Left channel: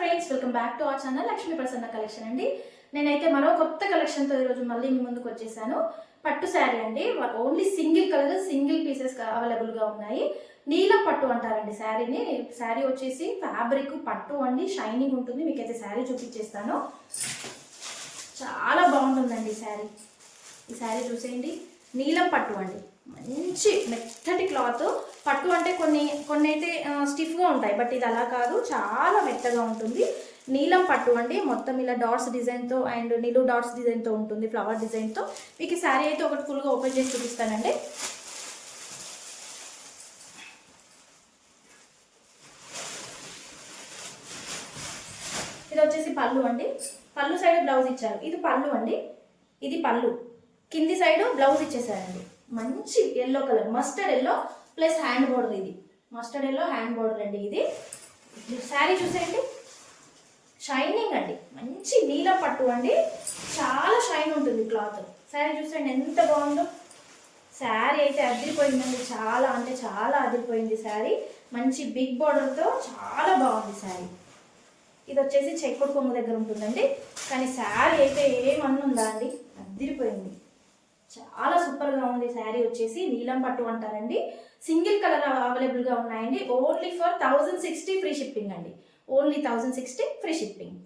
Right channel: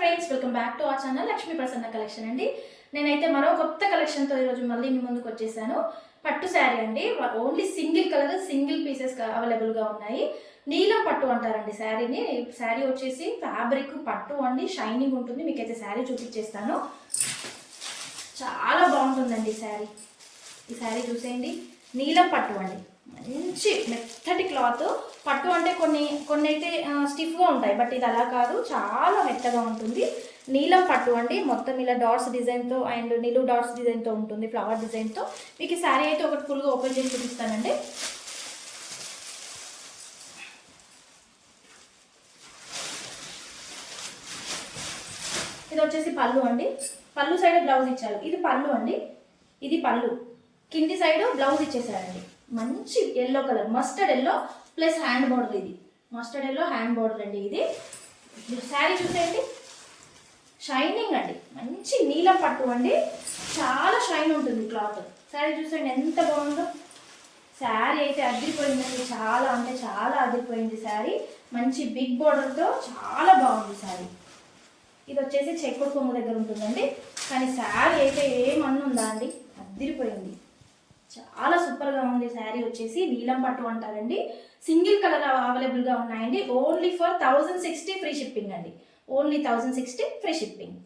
Friends, welcome back to our channel Lakshmi Prasanna collection అండి. నేనైతే మరో కొత్త కలెక్షన్తో ఈరోజు మళ్ళీ మీ ముందుకు వచ్చేసాను. పట్టు శారీ అండి. Only single colour, single pieces అవైలబుల్గా ఉన్నాయి. నీలం పట్టు అంటారండి శారీని. శారీ వచ్చేసి ఫ్యాబ్రిక్ పట్టు అండి, షైనింగ్ ఉంటుంది. మీకైతే శారీ చూపించేస్తాను. చాలా బాగుంటుందండి శారీ. ఈ శారీ చూసేయండి. నీలం పట్టు అండి, మంచి మెత్తటి క్లాత్. పట్టు అంటే కొన్ని అయితే స్టిఫ్గా ఉంటాయి, బట్ ఇది అలా కాదు, చాలా మెత్తగా ఉంటుంది. నీలం పట్టు అండి, మొత్తం ఇలా డాట్స్ డిజైన్తో అండ్ నిలువు డాట్స్ డిజైన్తో ఉంటుంది, ఫ్లవర్ డిజైన్తో. మీకు ఈ శారీ అయితే ఒకటి ఫుల్గా ఓపెన్ చేసి చూపిస్తానండి. ఇది వచ్చేసి పళ్ళు అండి. పళ్ళు సైడ్ బ్లౌజ్ ఇచ్చారు. ఇది పళ్ళు అండి, ఇది పళ్ళు. కింది సైడ్ బ్లౌజ్ ఇచ్చేసారండి. మంచి yellow color, mustard yellow plus hand border. ఇది మస్టర్డ్ ఎల్లో హ్యాండ్ బోర్డర్ అండి. ఇది శారీ చూసేయండి, షైనింగ్ అండి, మంచి నీలం పట్టు అండి, చాలా షైన్ ఉంటుంది క్లాత్. శారీ చూసేయండి ఎంత బాగుందో. శారీ అయితే అదిరిపోయిందండి, చాలా అంటే చాలా అదిరిపోయింది శారీ. మంచి బిగ్ బోర్డర్తో చాలా బాగుంది శారీ. ఇది వచ్చేసి చెక్కుడు కొంగు దగ్గర ఉంటుందండి, కానీ శారీ అయితే ఏమన్నుందా అండి, అదిరిపోయింది. చాలా సూపర్గా ఉంది శారీ. వచ్చేసి నీలం పట్టు అంటారండి. సింగిల్ కలర్ అవైలబుల్గా ఉన్నాయండి. ఓన్లీ ఫర్ 1060 ఫ్రీ షిప్పింగ్ అండి. Only 1060 free shipping.